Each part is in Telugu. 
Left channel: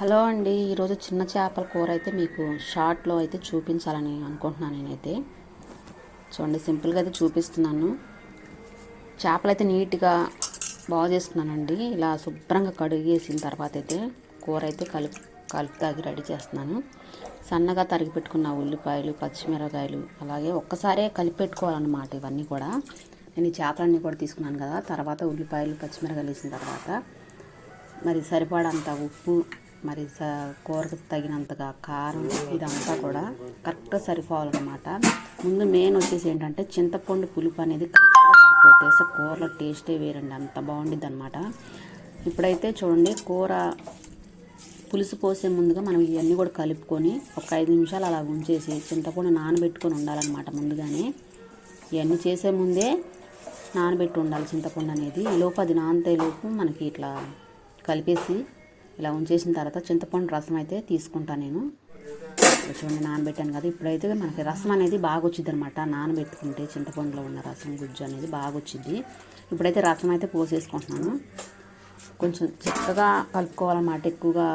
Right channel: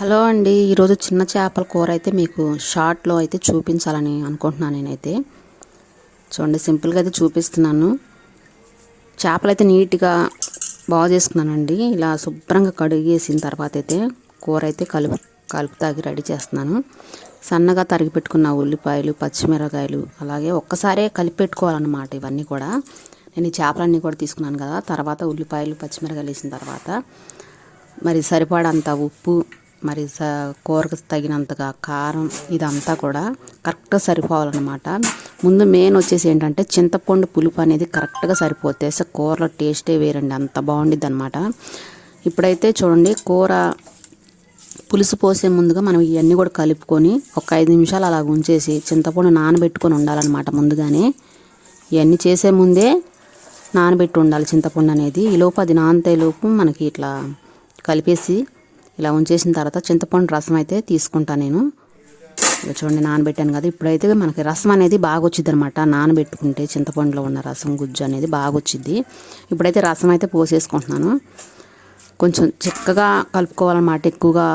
హలో అండి ఈరోజు చిన్న చేపల కూర అయితే మీకు షార్ట్లో అయితే చూపించాలని అనుకుంటున్నాను నేనైతే. చూడండి సింపుల్గా అయితే చూపిస్తున్నాను. చేపలు అయితే నీట్గా బాగా చేసుకున్నానండి. ఇలా శుభ్రంగా కడిగేసిన తర్వాత అయితే కూర అయితే కలుపు కలుపుతాగి రెడీ చేస్తున్నాను. సన్నగా తరిగి పెట్టుకున్న ఉల్లిపాయలు పచ్చిమిరకాయలు అలాగే ఒక్కసారే కలిపి పెట్టుకోవాలన్నమాట ఇవన్నీ కూడా. నేను ఈ చేపలన్నీ కూడా తీసుకున్నాను కదా తర్వాత ఉల్లిపాయలు పచ్చిమిరకాయలు వేసిన తర్వాత. మరి సరిపడంత ఉప్పు మరి స కూరకు తగినంతగా కారం ఇదంతా కూడా కరెక్ట్గా సరిపోవాలన్నమాట. ముందు మెయిన్ వచ్చేసి ఏంటంటే చింతపండు పులుపు అనేది కరెక్ట్గా సరిపోతే సో కూరలో టేస్టే వేరండి. అంత బాగుండిద్ది అనమాట ఇప్పుడైతే చూడండి కూర పులుసు పోసే ముందుగా మనం ఇవన్నీ కూడా కలుపుకొని ఒక ఐదు నిమిషాలు అలా ఉంచేసి చింతపండు నానబెట్టుకొని ఉండాలన్నమాట ముందుగానే. ఇవన్నీ చేసే ముందే నానబెట్టి ఉండాలి చింతపండు అనేది. ఈలోపు అది నానతే లోపు మనకి ఇట్లా కలిపేసి ఇలా ఉంచేసిన తర్వాత చింతపండు రసం అయితే తీసుకుంటాను నేను. చూడండి నానబెట్టాను కదా. ఇప్పుడైతే మనకి రసం అనేది బాగా వచ్చింది అనమాట నానబెట్టుకుంటే చింతపండులో ఉన్న రసం గుజ్జు అనేది బాగా వచ్చింది ఇప్పుడైతే రసం అయితే పోసేసుకుంటున్నాను. కొంచెం చిక్కగా కలుపుకోవాలన్నమాట. ఎక్కువగా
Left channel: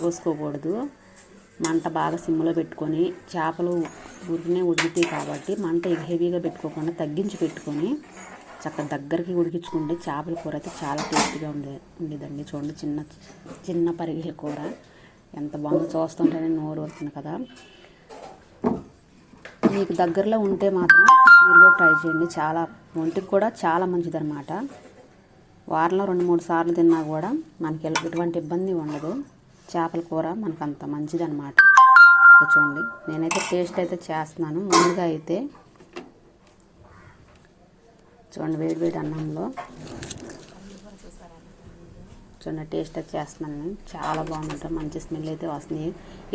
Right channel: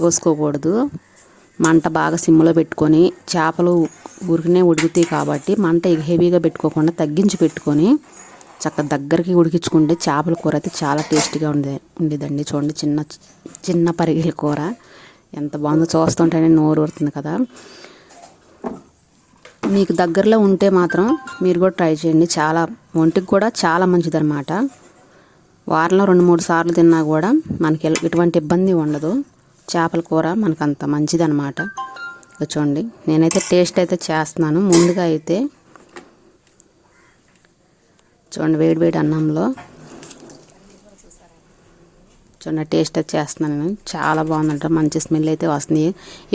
పోసుకోకూడదు. మంట బాగా సిమ్లో పెట్టుకొని చేపలు ఊరికనే ఉడుకుతాయి కాబట్టి మంట హెవీగా పెట్టుకోకుండా తగ్గించి పెట్టుకొని చక్క దగ్గరికి ఉడికించుకుంటే చేపల కూర అయితే చాలా టేస్టీగా ఉండే ఉండేదండి. చూడండి చిన్న చిన్న పరిగిల కూర. ఎంత బాగుందో చూస్తుంటేనే నోరు ఊరుతుంది కదా. మీకు దగ్గరలో ఉంటే మాత్రం మీరు కూడా ట్రై చేయండి. చాలా ఒంటికి కూడా చాలా మంచిదన్నమాట. వారంలో రెండు మూడు సార్లు తిన్నా కూడా మనకి ఎటువంటి ఇబ్బంది ఉండదు. చేపల కూర మనకు అంత మంచిదన్నమాట చూడండి నేనైతే టేస్ట్ అయితే చేస్తున్నాను. ముందుగా అయితే చూడండి వేడి వేడి అన్నంలో. చూడండి టేస్ట్ అయితే చేస్తున్నాను నేను. చాలా బాగుందంట మంచి స్మెల్ అయితే వస్తుంది.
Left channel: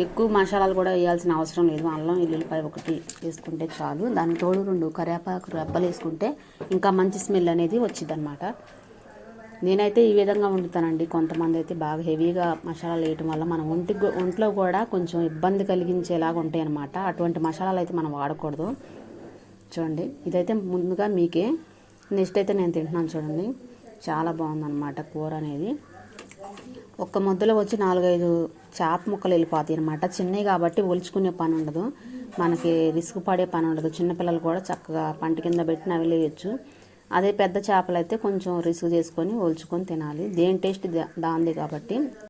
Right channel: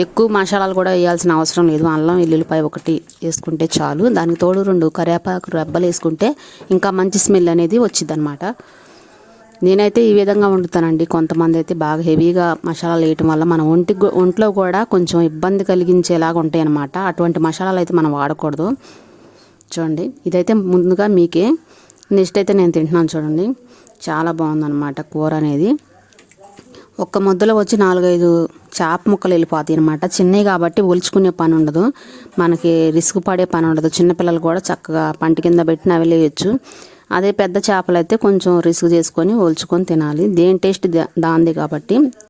ఎక్కువ మసాలాలు కూడా వేయాల్సిన అవసరం లేదు. అల్లం ఎల్లుల్లిపాయ ఒకటి వేసుకుంటే చాలు. దానికి తోడు రెండు కరివేపాకు రెబ్బలు వేసుకుంటే ఇంకా మంచి స్మెల్ అనేది వచ్చింది అనమాట నేనైతే ఈ విధంగా వండుతానండి. కొంతమంది అయితే బాగా హెవీగా మసాలాలు వేయటం వల్ల మన ఒంటి ఒంట్లో కూడా కొంచెం ఇబ్బంది కలిగించేలాగా ఉంటాయి అనమాట అటువంటి మసాలాలు అయితే మనం వాడకూడదు. చూడండి ఇదైతే ముందుగా మీకే నెక్స్ట్ అయితే నేను తింటున్నాను చూడండి. చాలా బాగుందన్నమాట కూర అనేది. ఒక్క ముద్దలో వచ్చి నాలుగైదు చేప ముక్కలు వెళ్ళిపోతాయి అనమాట చిన్నవి కాబట్టి ఒలుచుకునే పని ఉండదు. మనకి రిస్క్ పడే పని ఉండదు. చిన్నపిల్లలు కూడా చక్కగా పంట కింద పెట్టిన అవి లేయచ్చు అదే పెద్ద చేపలు అయితే కొంచెం రిస్క్ చేసుకొని ఒలుచుకొని తినాలి. దేని టేస్ట్ దాంది కాబట్టి.